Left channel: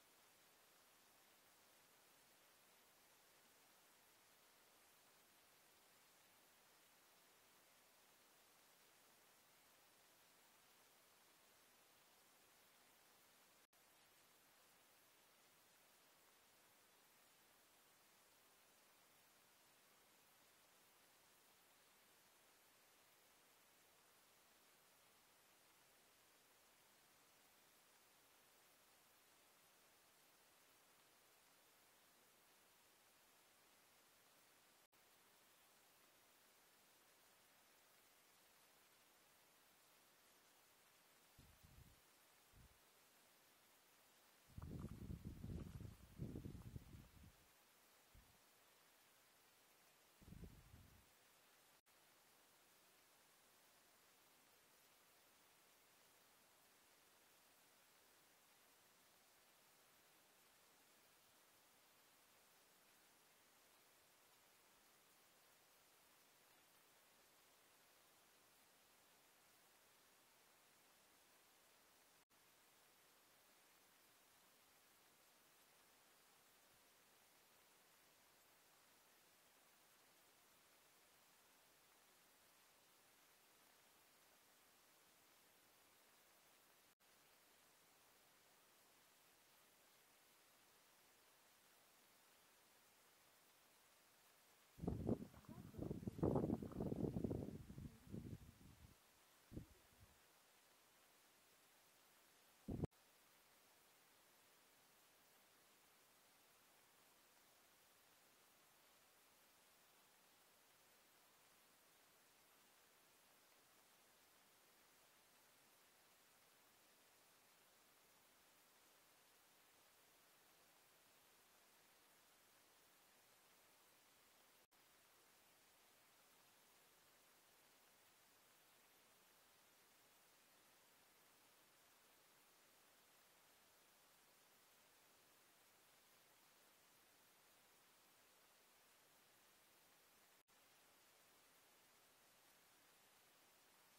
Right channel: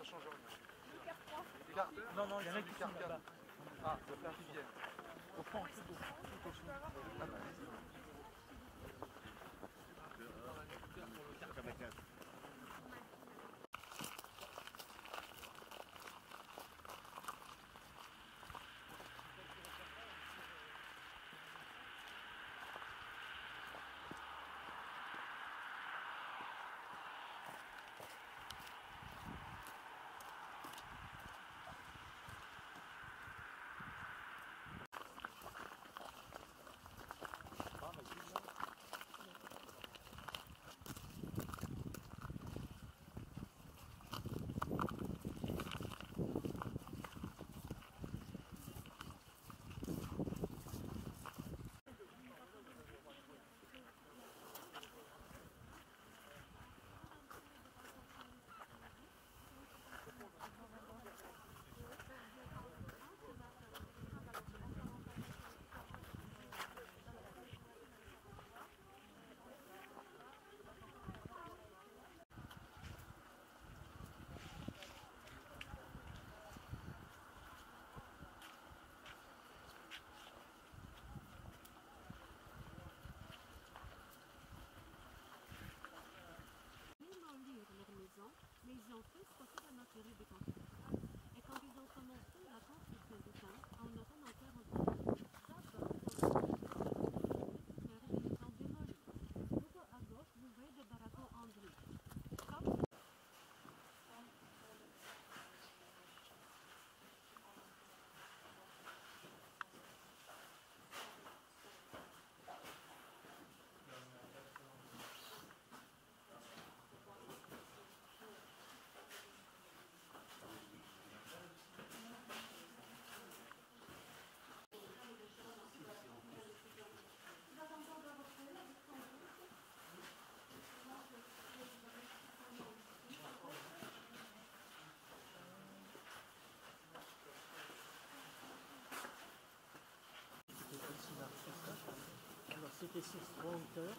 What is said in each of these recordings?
ça change rien. Les cartes? Non, non, il y en a qui sont là-bas. Ah, il va faire qu'ils viennent. Au fond, tout au fond. Ah bah, mais ils ont tous sorti la matériel de construction. Et quand ils ont commencé la construction du camp, en attendant 40 d'abord, ils sont démolis. Tout à gauche, vous voyez des baraquements en briques. Alors c'était sur 3 hauteurs,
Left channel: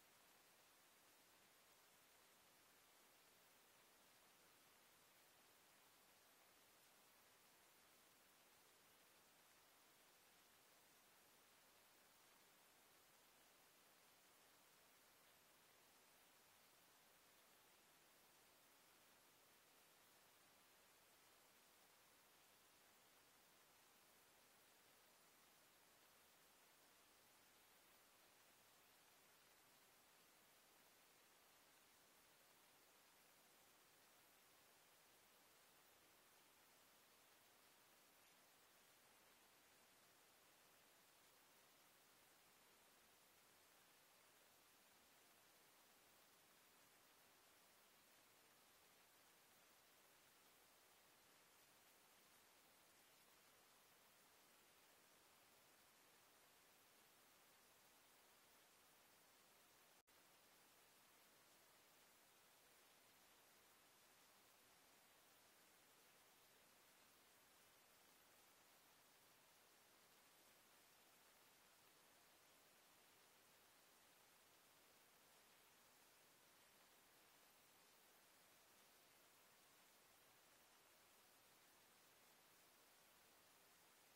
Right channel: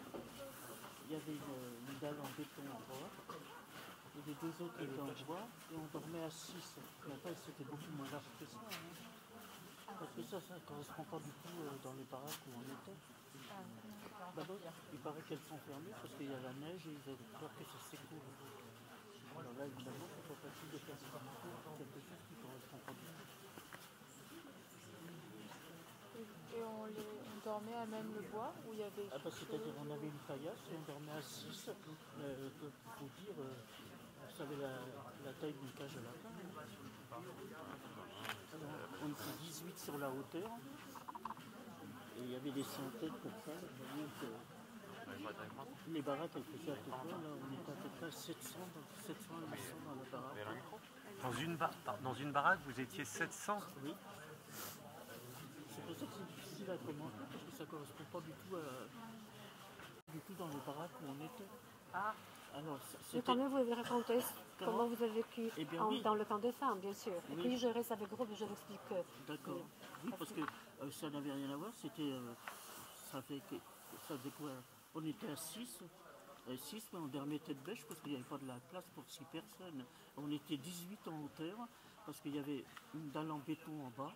il y avait une dalle en béton en bois, et les deux autres étaient en bois, et on dormait à 6. Mais après c'était beaucoup moins large que ça. Hein. Parce que ça ne correspond pas du tout dans les baraques où on était. D'abord, il paraît qu'elles sont fermées parce qu'il y a la neige et ils avaient peur que ça s'écoule. Alors là, évidemment, c'est pas facile de faire quelque chose qui ne correspond pas du tout. Et on dormait à même le bois où il y avait... Ah bah c'est-à-dire on avait une paillasse et on dormait à 6. Pour vous dire, vous savez la taille d'une cage à lapin. Alors, on était 18 sur la hauteur. Et il y avait des centaines pour ça. Vous voyez que les baraques elles faisaient à peu près, là on était à peu près 700 à 800 dans la baraque. Dans une baraque, vous étiez 700? Oui. C'est pour ça que c'est difficile à commenter parce que ça ne correspond pas du tout dans les baraques où on était. Ah. Alors, mais quand même, vous avez raconté comment vous avez vécu oui. dans le camp des femmes, bien sûr. Oui. Et puis je reste avec groupe et je l'explique. D'accord. Oui, parce que ça n'avait rien à voir. C'était, ça faisait quoi? On était à 6. 6, mais on dormait tête bêche parce qu'il n'y avait pas de la place pour 6 personnes. On était 18 en hauteur parce qu'il y avait une dalle en béton en bas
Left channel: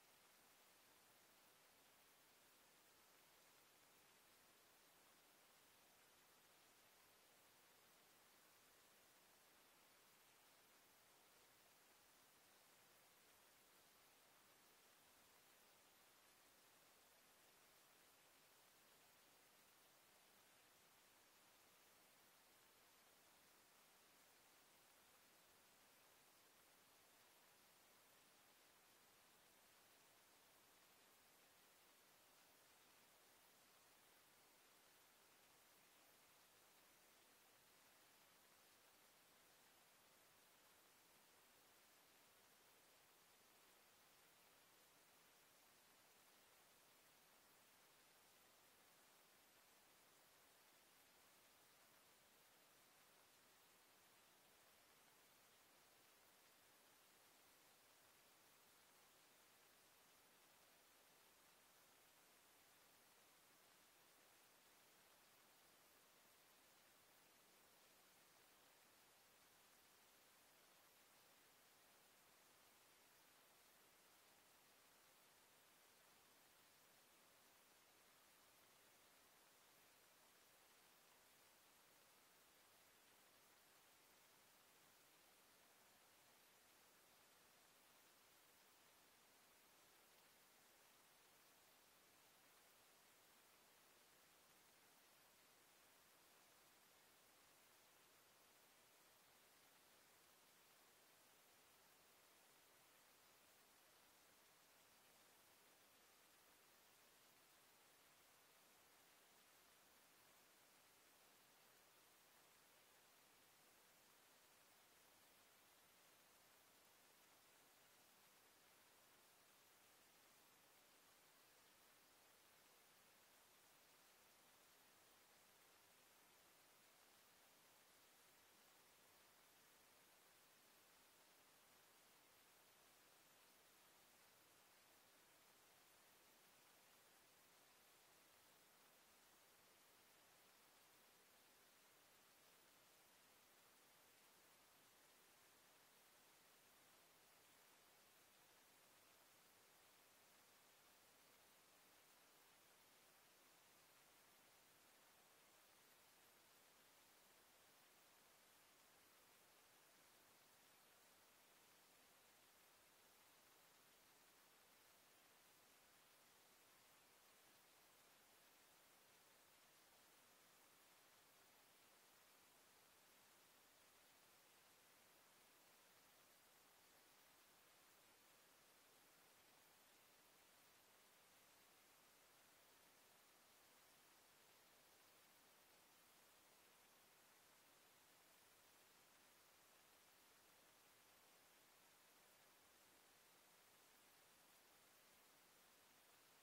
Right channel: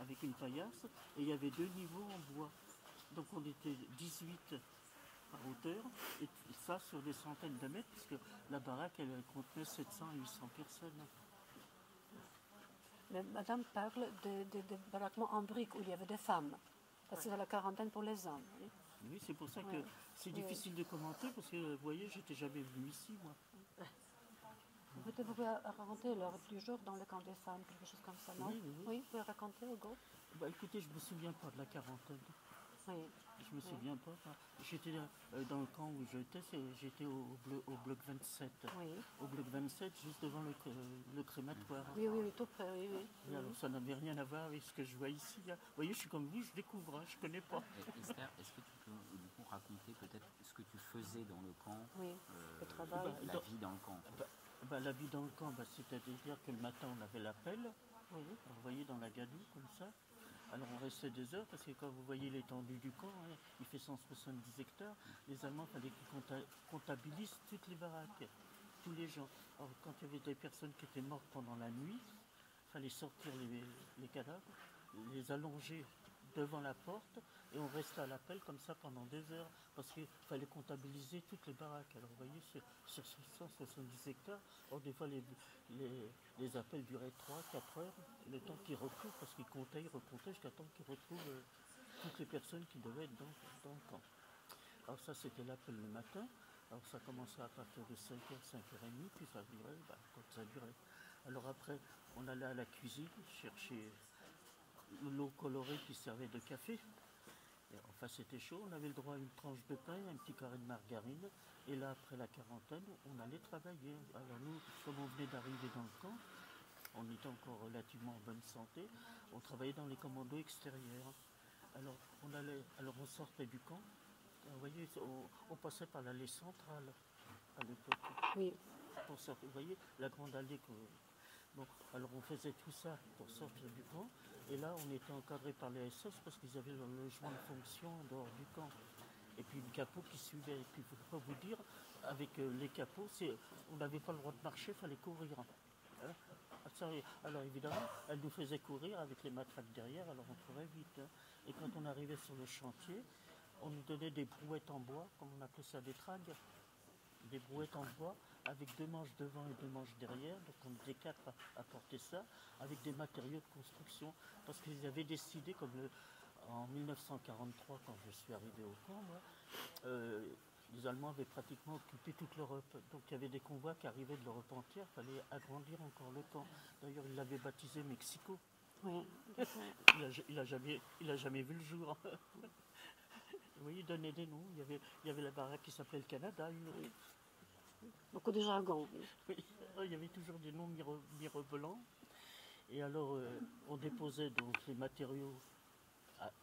avec une paillasse et il y avait 2 niveaux en bois. Donc on était 18 par hauteur et ça sur des centaines de mètres puisque la baraque elle contenait 700 à 800 personnes. Mais madame parle de baraquements en briques où il y avait des femmes. Parce que c'est la quarantaine pour les hommes. Oui, c'est pour ça que c'est difficile de commenter parce que vous voyez, j'étais jamais venu ici moi. Peut-être vous pouvez raconter l'heure du jour dans le camp des femmes, quelque chose comme ça, non? Oui. Oui, vous pouvez raconter, Hugo? Bah écoutez, je me souviens pas de la quarantaine. Oui. Je me souviens pas. J'étais dans le camp où j'étais, j'étais au bloc 27. Oui. Au bloc 27, juste devant le crématoire. Oui, tout près, oui. Et alors ça n'avait rien à voir avec ce que je vois ici. Hein. Vous voyez, je suis comme vous, je découvre, hein, je connais pas. Esther, est-ce que tu peux du coup raconter peut-être ce que tu faisais dans le camp? Oui, le travail. La vie dans le camp. La vie dans le camp, c'est-à-dire que le matin on avait la pelle. Oui. Alors, vous voyez dans la gadoue comme ça. Alors on restait des heures parce que quand vous voyez l'étendue du camp, hein, il fait 170 hectares. Les Allemands, il fallait qu'ils comptabilisent toutes les baraques. tous les gens. Alors, quand il y avait des personnes qui étaient mortes pendant la nuit, il fallait sortir les cadavres, les allonger devant la porte, et on restait à l'appel comme ça pendant 2 heures, parce qu'il fallait comptabiliser toutes les baraques. Alors vous voyez, sur 170 hectares, or, des fois les appels duraient 3-4 heures, le temps qu'ils retrouvent, parce qu'ils comptaient, ils recomptaient jusqu'à temps qu'ils retrouvent toutes les personnes qui devaient être dans le camp. Alors ça, c'était l'appel le matin. Alors ça commençait à partir de 5h, 5h30, puis ça durait, comme ça durait. Alors après, on allait à la cuisine chercher l'eau colorée qui servait de café. Et enfin, c'était chaud, on avait le droit à une tranche de pain, un petit carré de margarine. Et là, après la quarantaine, on allait travailler. Alors nous, comme on venait d'arriver dans le camp, on était encore relativement en bonne santé, on travaillait dans les commandos extérieurs. Alors on sortait du camp. Vous voyez, on passait par l'allée centrale à l'époque. Oui. Vous voyez, la grande allée que... Bon, alors on faisait tout ça pour sortir du camp. Et là, on était encadré par les SS parce qu'ils avaient leur logement de fonction en dehors du camp. Et puis une capot qui suivait. Et puis, il ne faut pas vous dire, avec les capots, on n'avait pas le droit de marcher, il fallait courir. Hein. Alors évidemment, elle nous faisait courir avec les matraques derrière, alors on courait vite. Hein. Et quand on arrivait sur le chantier, on nous donnait des brouettes en bois, comme on appelait ça des tragues, des brouettes en bois, avec 2 manches devant et 2 manches derrière, donc on était 4 à porter ça, avec des matériaux de construction, parce qu'ils avaient décidé, comme en 1943, quand je suis arrivé au camp, moi, les Allemands avaient pratiquement occupé toute l'Europe, donc il y avait des convois qui arrivaient de l'Europe entière, il fallait agrandir encore le camp. D'ailleurs, ils l'avaient baptisé Mexico. Oui. Il a jamais vu le jour. Oui, il donnait des noms. Il y avait la baraque qui s'appelait le Canada. Beaucoup de jargon. Oui, il y avait toujours des noms mirobolants. Et alors, on déposait donc les matériaux.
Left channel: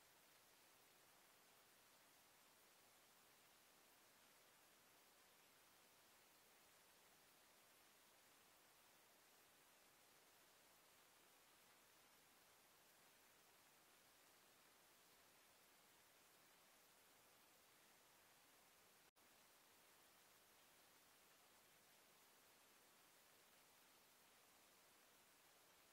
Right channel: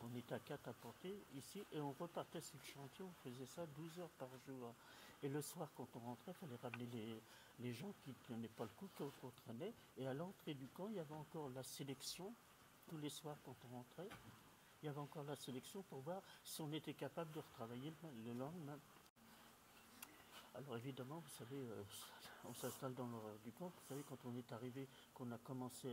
On était à 4 à porter ici et on repartait sur le chantier. On faisait ça 12 heures par jour. Et le soir, quand on rentrait, il fallait ramener les gens qui ne tenaient pas le coup, qu'on traînait. Et à l'entrée du camp, il y avait encore la sélection. Tous les soirs, quand on rentrait, il y avait encore la sélection pour voir si on était capable de retravailler le lendemain. Alors évidemment, vous savez, on s'installe dans l'horreur du camp. Vous savez, quand on est arrivé, on a commencé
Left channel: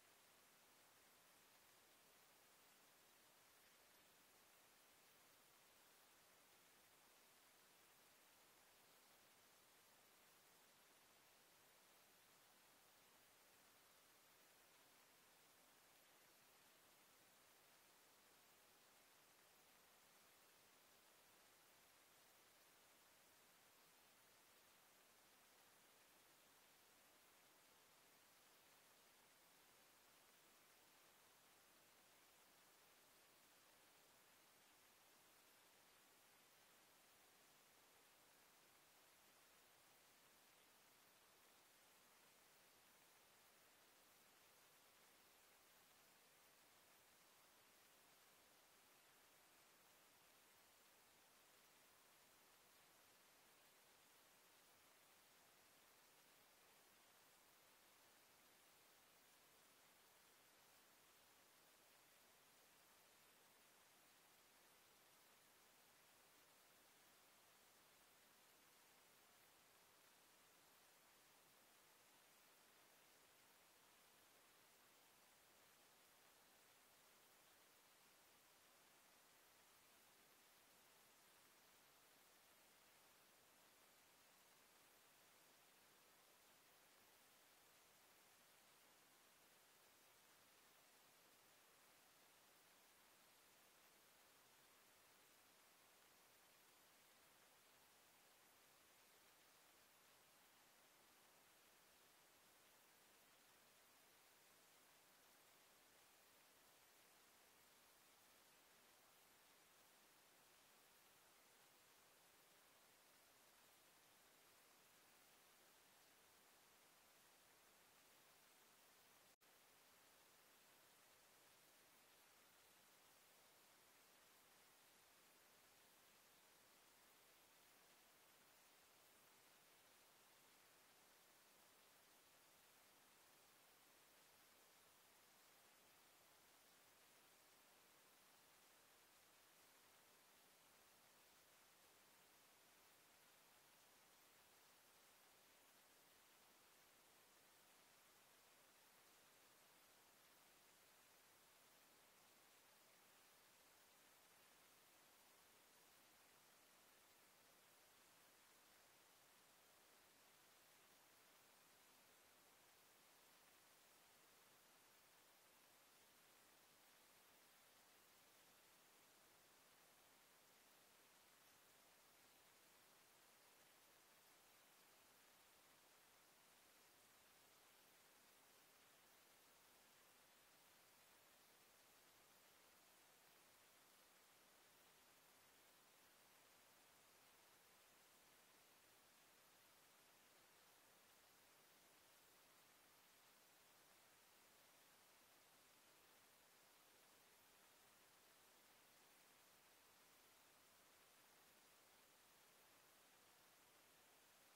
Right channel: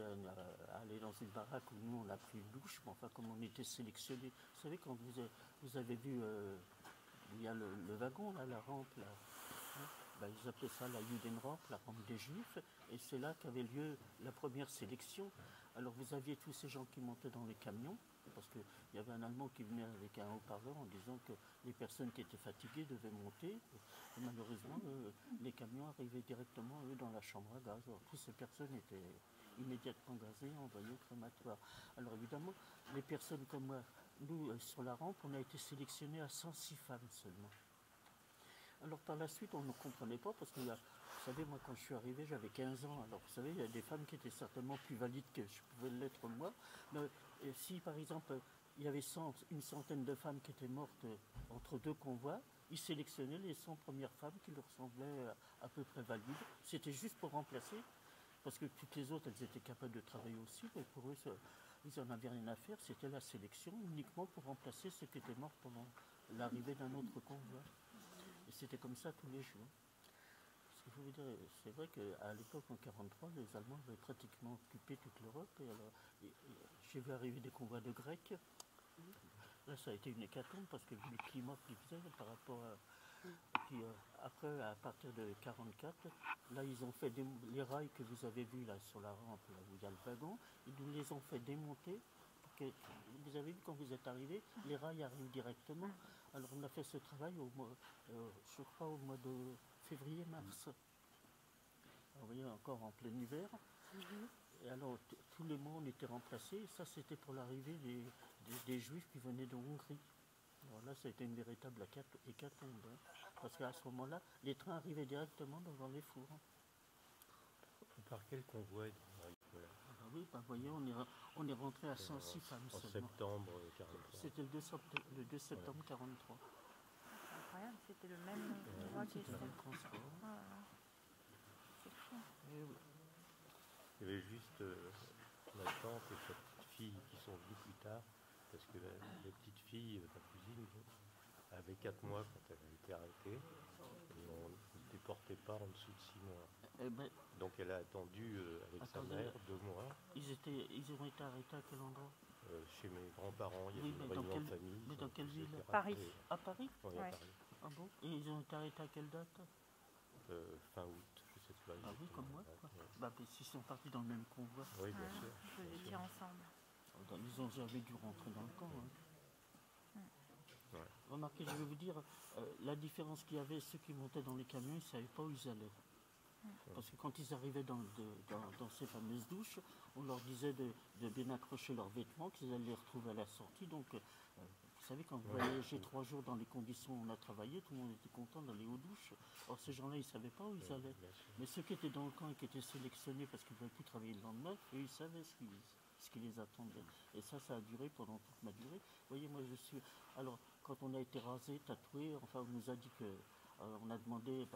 à aller dans une baraque où nous on a pris une douche, mais enfin comme on était sélectionnés. Vous savez, quand vous avez vu, il y a le wagon, là, la rampe, là, hein, ils appelaient ça la Judenrampe, la rampe des Juifs, et c'est là qu'avait lieu la première sélection. Alors vous aviez tous ces gens qui montaient dans les camions, parce qu'il y avait un Allemand qui venait avec un haut-parleur en disant que les personnes qui étaient fatiguées devaient monter. Et malheureusement, les camions arrivaient directement, eux, dans la chambre à gaz. Alors toutes ces personnes étaient immédiatement gazées, envoyées au crématoire. Alors évidemment, les personnes comme moi, nous, sur la rampe, on a été sélectionnés à 106 femmes seulement. Alors par la suite, on ne comprenait pas, parce que vous savez, moi quand je suis arrivé, j'avais 15 ans. Alors vous savez, il y a des femmes qui étaient certainement plus valides que je pouvais l'être moi. Mais si par exemple, il y avait une centaine de femmes qui étaient mortes entre 2 convois, ils sélectionnaient les 100 premières femmes qui leur semblaient à peu près valides. C'était juste pour remplacer, parce que toutes les autres, elles étaient capables de travailler aussi, mais pour eux, ils n'en avaient rien à faire. C'était la sélection uniquement pour remplacer ceux qui étaient morts pendant l'arrivée d'un autre convoi. Et c'était comme ça tous les jours. C'est vrai qu'à l'époque, en 1943, les Allemands avaient pratiquement occupé toute l'Europe. Et alors, j'ai vu arriver des convois de Grecs. Là, ça a été une hécatombe parce que le climat qu'ils faisaient par rapport à... Puis après, à partir de 1944, là, ils ont fait les rails que vous avez vus là sur la rampe, là où il y a le wagon, ils nous les ont fait démonter. Pour que, vous avez vu quand vous êtes arrivés, les rails arrivent directement. Alors on a fait ce travail je crois au mois de février-mars. Vous voyez, encore en plein hiver. Et alors tous les mois on était remplacés. Et ça c'était pour l'arrivée des Juifs qui venaient de Hongrie. Alors là ça a été une véritable hécatombe. Hein, parce qu'à ce moment-là, les trains arrivaient directement devant les fours. Par quel convoi Oui, vous voyez, on est rentré à 106 femmes en seulement. septembre 1943. C'était le 2 septembre 1943. C'est incroyable, c'était le même mois qui C'était le était. même transport. Ah, là. C'est fou. Il y avait juste ma tante et sa petite fille qui sont venues plus tard, parce que la petite fille, ma cousine, avec 4 mois quand elle a été arrêtée. Et on ne déportait pas en dessous de 6 mois. Eh ben, Donc elle a attendu avec Attendez. sa mère 2 mois. ils ont été arrêtés à quel endroit? Chez mes grands-parents, il y Oui, avait une mais dans réunion de quelle- famille. mais dans quelle ils ville? étaient Paris. rappelés. À Paris? Oui, Ouais. à Paris. Ah bon? Et ils ont été arrêtés à quelle date? Fin août, je sais pas. Ah oui, exactement. comme moi, quoi. Bah, s'ils sont partis dans le même convoi, Oui, bien sûr. Vous bien sûr. étiez ensemble. ils ont jamais dû rentrer dans le camp. Hein. Ouais. Remarquez, je vais vous dire, la différence qu'il y avait, ceux qui montaient dans les camions, ils ne savaient pas où ils allaient. Parce que quand ils arrivaient dans ces fameuses douches, on leur disait de bien accrocher leurs vêtements, qu'ils allaient les retrouver à la sortie. Donc, vous savez, quand vous voyagez 3 jours dans les conditions où on a travaillé, tout le monde était content d'aller aux douches. Or, ces gens-là, ils ne savaient pas où ils allaient. Bien sûr. Mais ceux qui étaient dans le camp et qui étaient sélectionnés parce qu'ils ne pouvaient plus travailler le lendemain, eux, ils savaient ce qui les attendait. Et ça a duré pendant toute ma durée. Vous voyez, moi, je suis... Alors, quand on a été rasé, tatoué, enfin, on nous a dit que... on a demandé...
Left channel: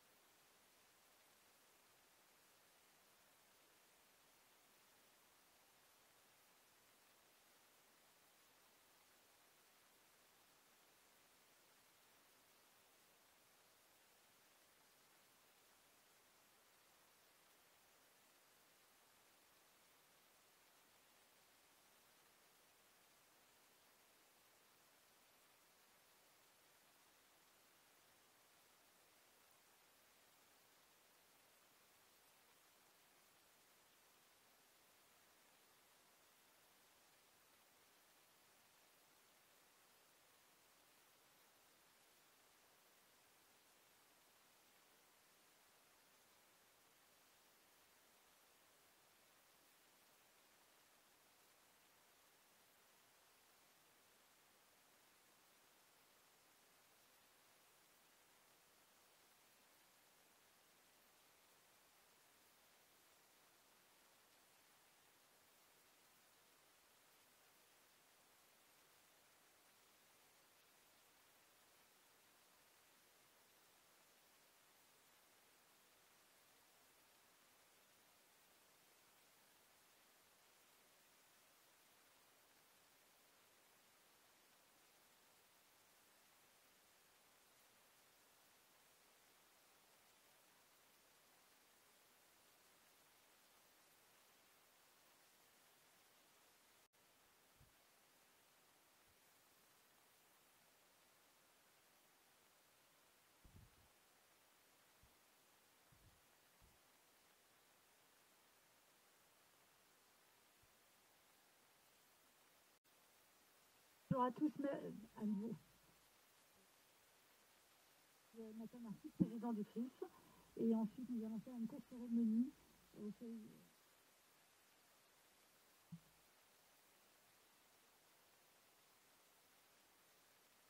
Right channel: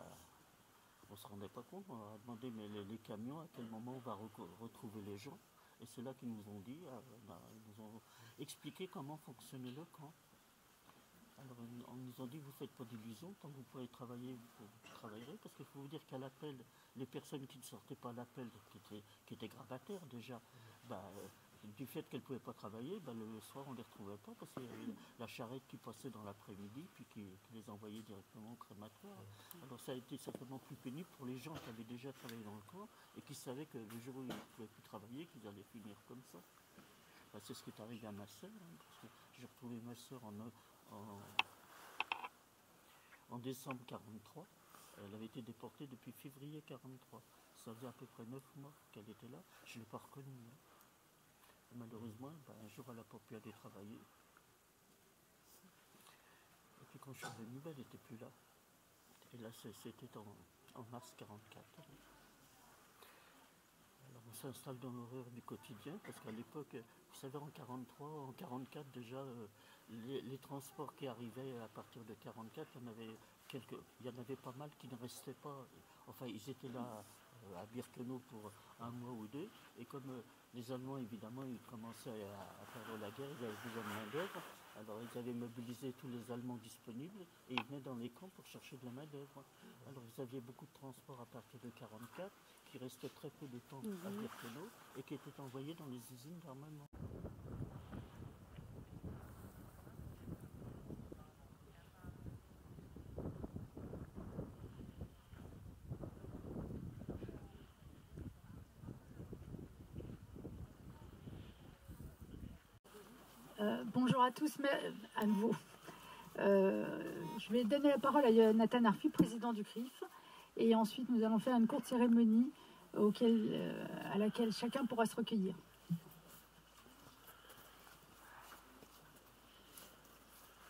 on ne se rendait pas compte, on leur a demandé, mais les camions, à quel moment on va retrouver les gens? Et c'est là qu'ils nous ont dit, ils nous ont expliqué comment fonctionnait le camp. Alors, on nous a dit, vous ne faites pas d'illusions, tant que vous pouvez travailler, vous travaillerez, parce qu'il faut vous dire qu'à l'appel, les personnes qui ne sortaient pas à l'appel, qui étaient grabataires déjà, du fait qu'elles ne pouvaient pas travailler, le soir on ne les retrouvait pas, parce qu'il y avait la charrette qui passait dans l'après-midi, puis qui les envoyait directement au crématoire. Alors ça a été certainement plus pénible pour les gens qui avaient déjà travaillé dans le camp, et qui savaient que le jour où ils ne pouvaient plus travailler, qu'ils allaient finir comme ça. C'est ce qui est arrivé à ma sœur, hein, parce que j'ai retrouvé ma sœur en décembre 1943. Elle avait été déportée depuis février 1943. Ça faisait à peu près 9 mois qu'elle était là. Je ne l'ai pas reconnue. Hein. Et malheureusement, un jour, elle n'a pas pu aller travailler. Et puis quand je suis revenu, elle n'était plus là. Et là, c'était en mars 1944. Alors on s'installe dans l'horreur du quotidien, parce qu'à l'époque, vous savez, en 1943, en 1944 déjà, les transports qui arrivaient à partir de 1944, il y en avait pas mal qui ne restaient pas. Enfin, ils étaient là à Birkenau pour 1 mois ou 2, et comme les Allemands, évidemment, ils commençaient à faire la guerre, ils avaient besoin de main-d'œuvre, alors ils avaient mobilisé tous les Allemands disponibles, et ils venaient dans les camps pour chercher de la main-d'œuvre. Alors vous aviez beaucoup de transports à partir de 1944, qui restaient très peu de temps à Birkenau, et qui étaient envoyés dans les usines d'armement. Bonjour à tous, mais à nouveau. Je vais donner la parole à Nathan Arfi, président du CRIF, et ensuite nous allons faire une courte cérémonie à laquelle chacun pourra se recueillir.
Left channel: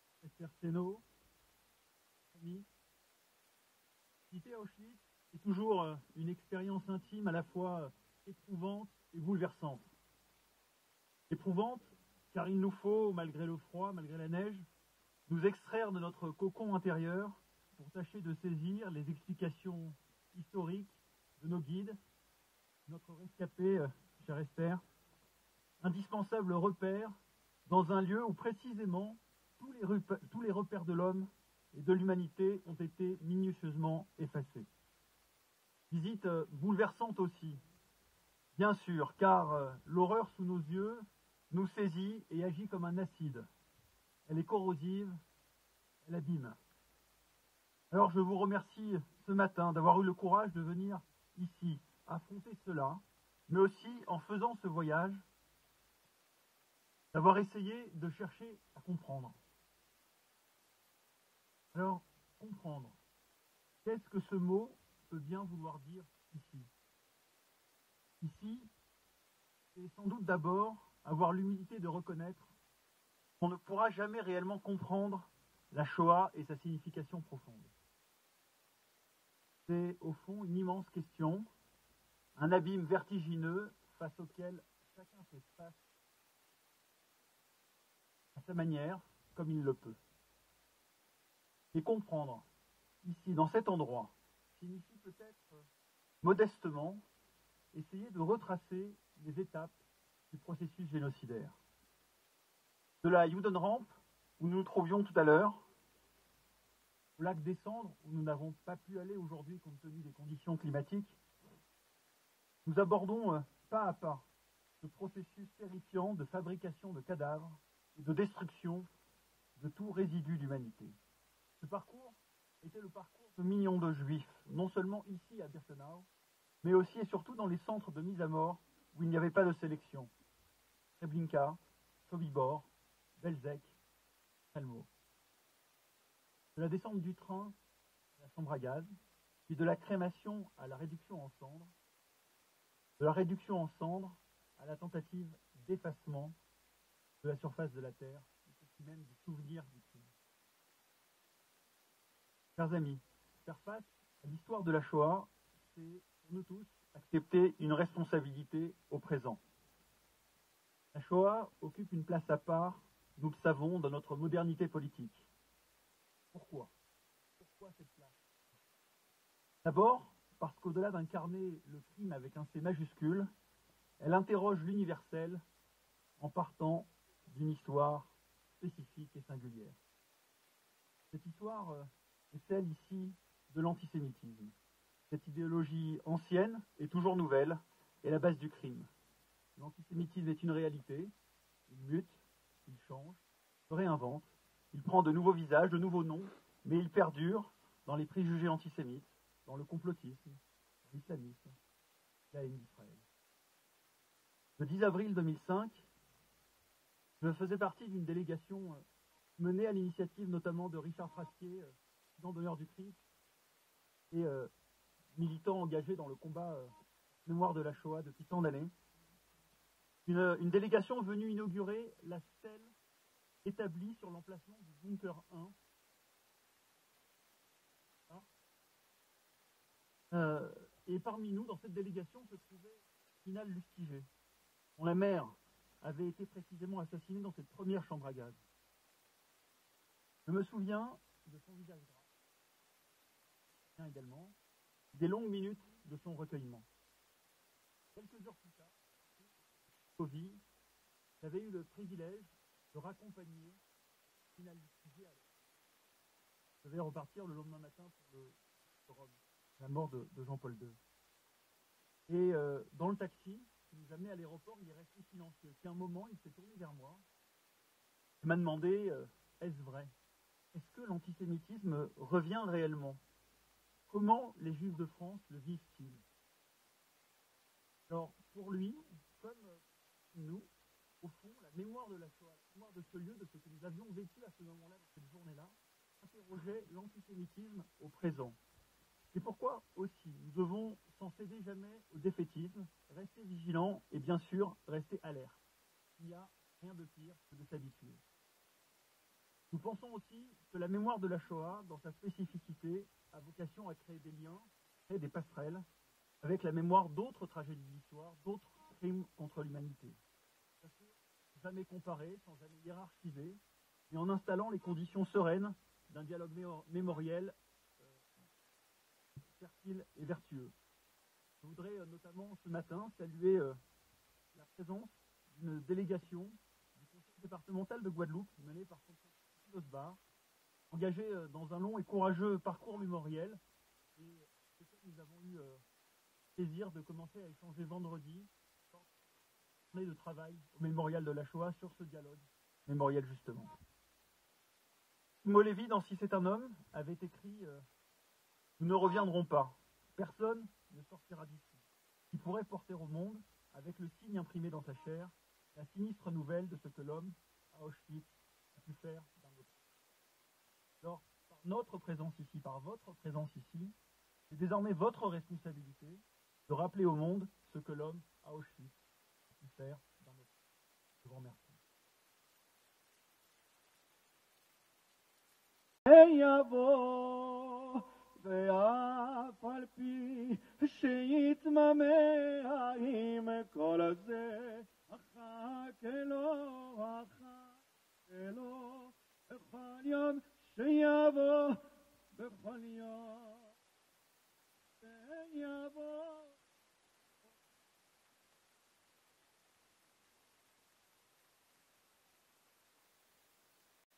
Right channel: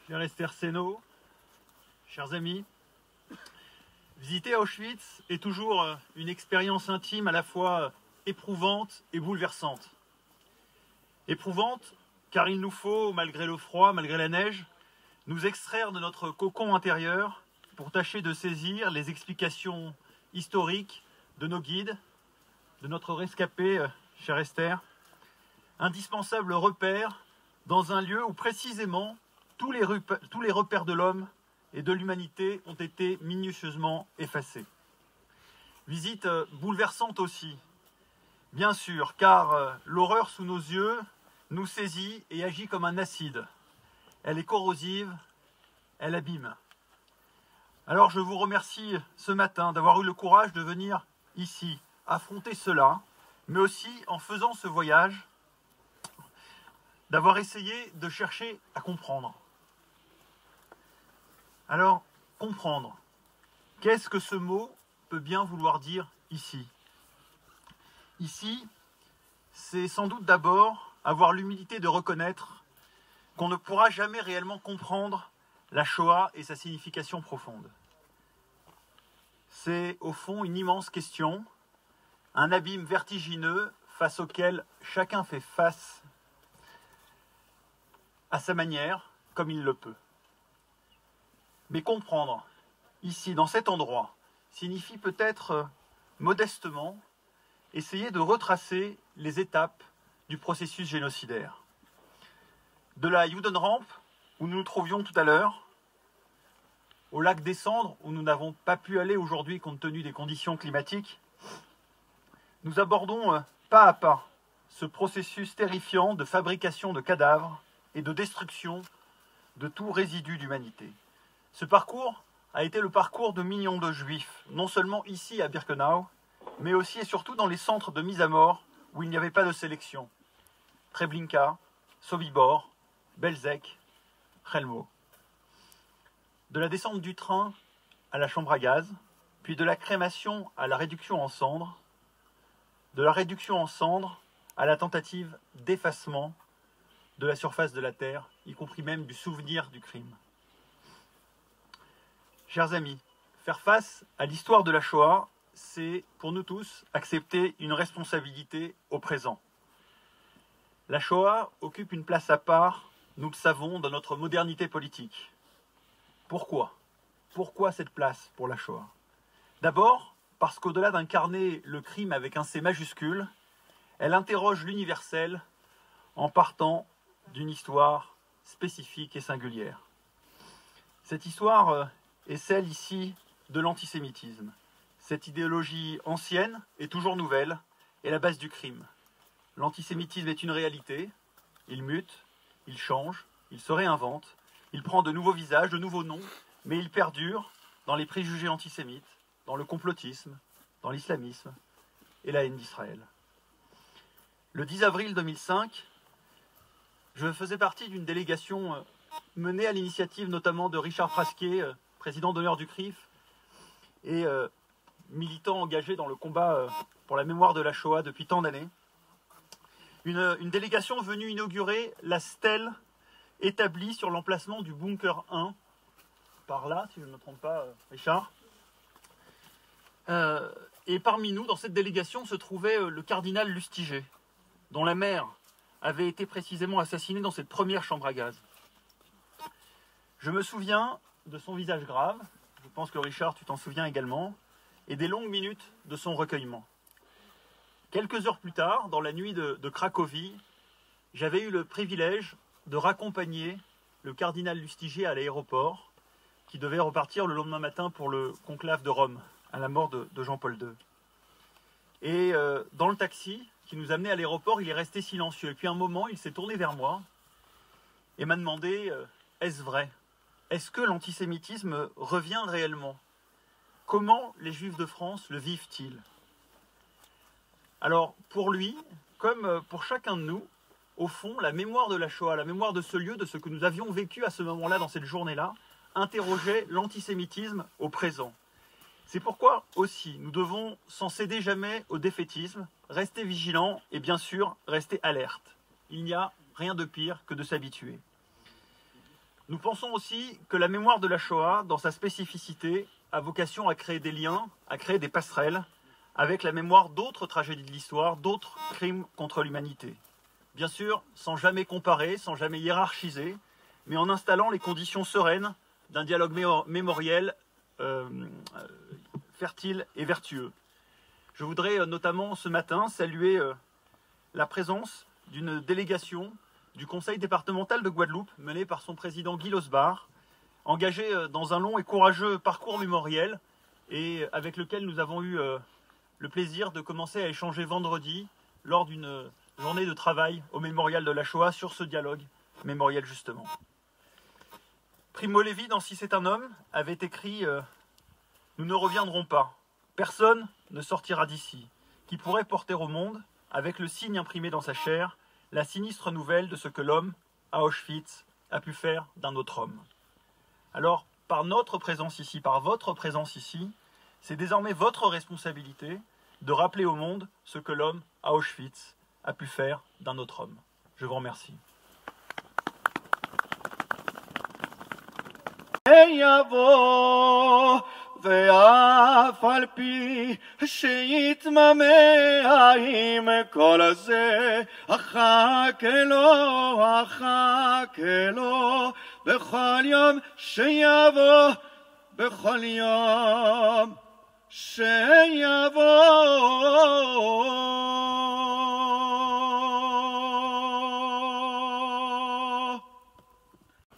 Cher Esther Seno, chers amis, visiter Auschwitz est toujours une expérience intime à la fois éprouvante et bouleversante. Éprouvante car il nous faut, malgré le froid, malgré la neige, nous extraire de notre cocon intérieur pour tâcher de saisir les explications historiques de nos guides, de notre rescapé, chère Esther, indispensable repère dans un lieu où précisément tous les repères de l'homme et de l'humanité ont été minutieusement effacés. Visite bouleversante aussi, bien sûr, car l'horreur sous nos yeux nous saisit et agit comme un acide. Elle est corrosive, elle abîme. Alors je vous remercie ce matin d'avoir eu le courage de venir ici, affronter cela, mais aussi en faisant ce voyage, d'avoir essayé de chercher à comprendre. Alors, comprendre, qu'est-ce que ce mot peut bien vouloir dire ici? Ici, c'est sans doute d'abord avoir l'humilité de reconnaître qu'on ne pourra jamais réellement comprendre la Shoah et sa signification profonde. C'est au fond une immense question, un abîme vertigineux face auquel chacun fait face à sa manière, comme il le peut. Mais comprendre, ici, dans cet endroit, signifie peut-être modestement essayer de retracer les étapes du processus génocidaire. De la Judenrampe, où nous nous trouvions tout à l'heure, au lac des Cendres, où nous n'avons pas pu aller aujourd'hui compte tenu des conditions climatiques, nous abordons pas à pas ce processus terrifiant de fabrication de cadavres et de destruction de tout résidu d'humanité. Ce parcours a été le parcours de millions de juifs, non seulement ici à Birkenau, mais aussi et surtout dans les centres de mise à mort où il n'y avait pas de sélection. Treblinka, Sobibor, Belzec, Chelmo. De la descente du train à la chambre à gaz, puis de la crémation à la réduction en cendres, de la réduction en cendres à la tentative d'effacement de la surface de la Terre, y compris même du souvenir du crime. Chers amis, faire face à l'histoire de la Shoah, c'est pour nous tous accepter une responsabilité au présent. La Shoah occupe une place à part, nous le savons, dans notre modernité politique. Pourquoi ? Pourquoi cette place pour la Shoah ? D'abord, parce qu'au-delà d'incarner le crime avec un C majuscule, elle interroge l'universel en partant d'une histoire spécifique et singulière. Cette histoire est celle ici de l'antisémitisme. Cette idéologie ancienne et toujours nouvelle est la base du crime. L'antisémitisme est une réalité, il mute, il change, il se réinvente, il prend de nouveaux visages, de nouveaux noms, mais il perdure dans les préjugés antisémites, dans le complotisme, dans l'islamisme et la haine d'Israël. Le 10 avril 2005, je faisais partie d'une délégation menée à l'initiative notamment de Richard Frasquet, président d'honneur du CRIF, et militant engagé dans le combat pour la mémoire de la Shoah depuis tant d'années. Une délégation venue inaugurer la stèle établie sur l'emplacement du bunker 1, par là, si je ne me trompe pas, Richard. Et parmi nous, dans cette délégation, se trouvait le cardinal Lustiger, dont la mère avait été précisément assassinée dans cette première chambre à gaz. Je me souviens de son visage grave, je pense que Richard, tu t'en souviens également, et des longues minutes de son recueillement. Quelques heures plus tard, dans la nuit de Cracovie, j'avais eu le privilège de raccompagner le cardinal Lustiger à l'aéroport, qui devait repartir le lendemain matin pour le conclave de Rome, à la mort de Jean-Paul II. Et dans le taxi qui nous amenait à l'aéroport, il est resté silencieux. Et puis à un moment, il s'est tourné vers moi et m'a demandé « Est-ce vrai ? Est-ce que l'antisémitisme revient réellement ? Comment les Juifs de France le vivent-ils » Alors, pour lui, comme pour chacun de nous, au fond, la mémoire de la Shoah, la mémoire de ce lieu, de ce que nous avions vécu à ce moment-là, dans cette journée-là, interrogeait l'antisémitisme au présent. C'est pourquoi aussi nous devons, sans céder jamais au défaitisme, rester vigilants et bien sûr rester alertes. Il n'y a rien de pire que de s'habituer. Nous pensons aussi que la mémoire de la Shoah, dans sa spécificité, a vocation à créer des liens, à créer des passerelles avec la mémoire d'autres tragédies de l'histoire, d'autres crimes contre l'humanité. Bien sûr, sans jamais comparer, sans jamais hiérarchiser, mais en installant les conditions sereines d'un dialogue mémoriel fertile et vertueux. Je voudrais notamment ce matin saluer la présence d'une délégation du conseil départemental de Guadeloupe, menée par son président Guy Losbar, engagé dans un long et courageux parcours mémoriel et avec lequel nous avons eu le plaisir de commencer à échanger vendredi lors d'une journée de travail au mémorial de la Shoah sur ce dialogue mémoriel justement. Primo Levi, dans Si c'est un homme, avait écrit « Nous ne reviendrons pas. Personne ne sortira d'ici, qui pourrait porter au monde, avec le signe imprimé dans sa chair, la sinistre nouvelle de ce que l'homme, à Auschwitz, a pu faire d'un autre homme. » Alors, par notre présence ici, par votre présence ici, c'est désormais votre responsabilité de rappeler au monde ce que l'homme, à Auschwitz, a pu faire d'un autre homme. Je vous remercie. ואף על פי שיתממה עם כל הזה אחכה לו בכל יום שיבוא בכל יום שיבוא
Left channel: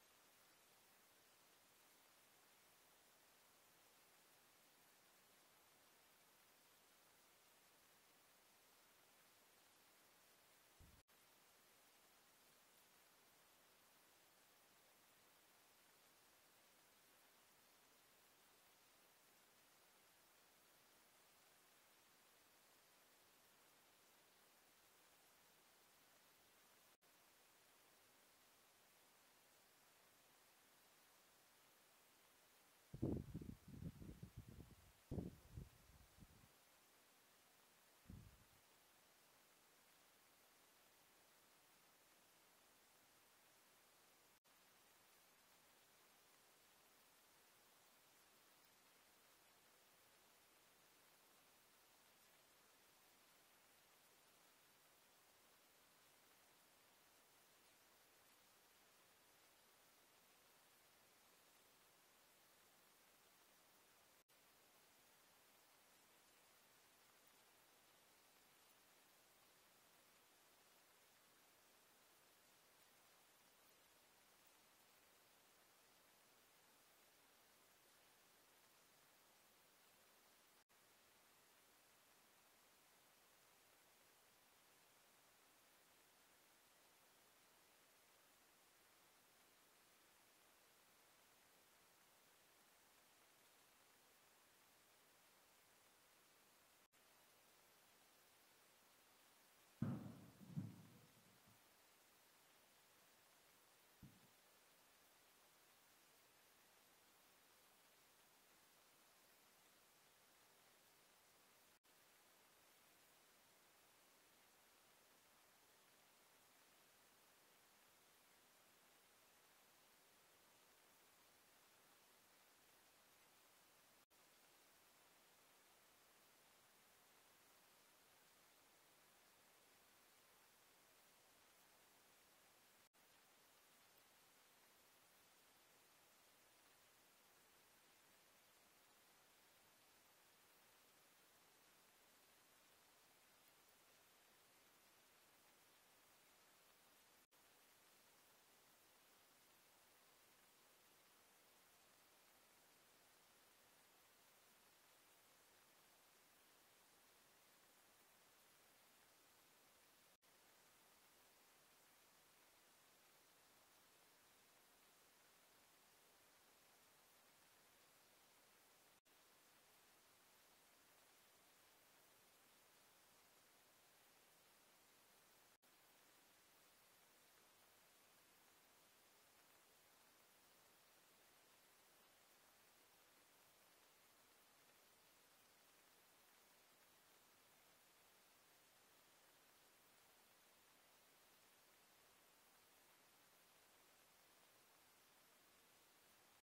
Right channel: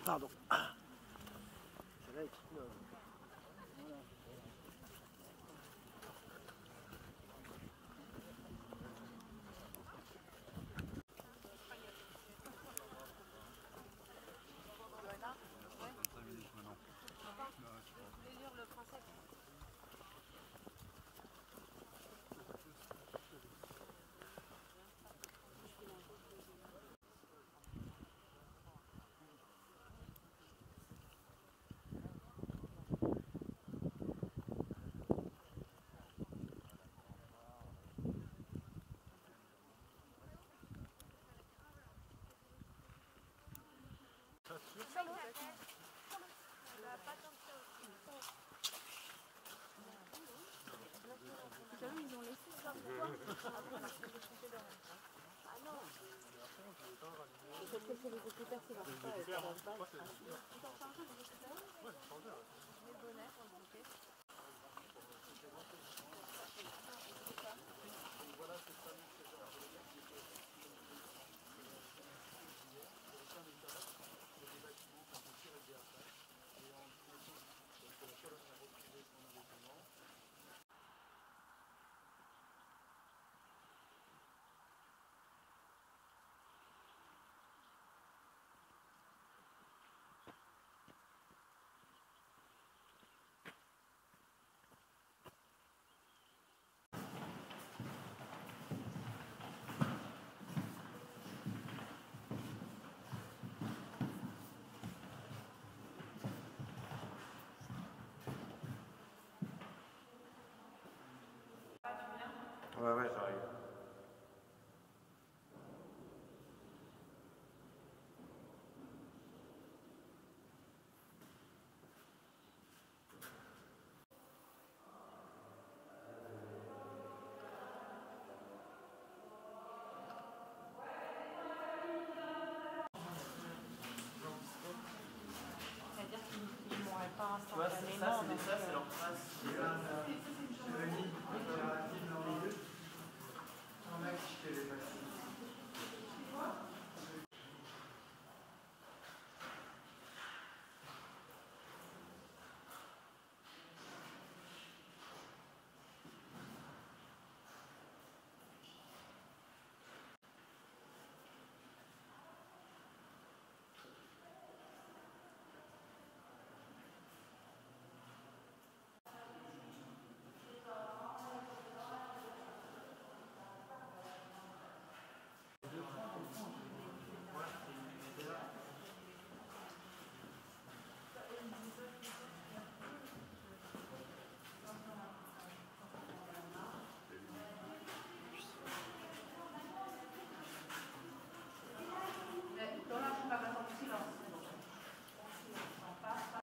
Pardon. Celle-là Ils ont laissé ça. Ah non. Sauf que c'est les écouteurs qui marchent pas.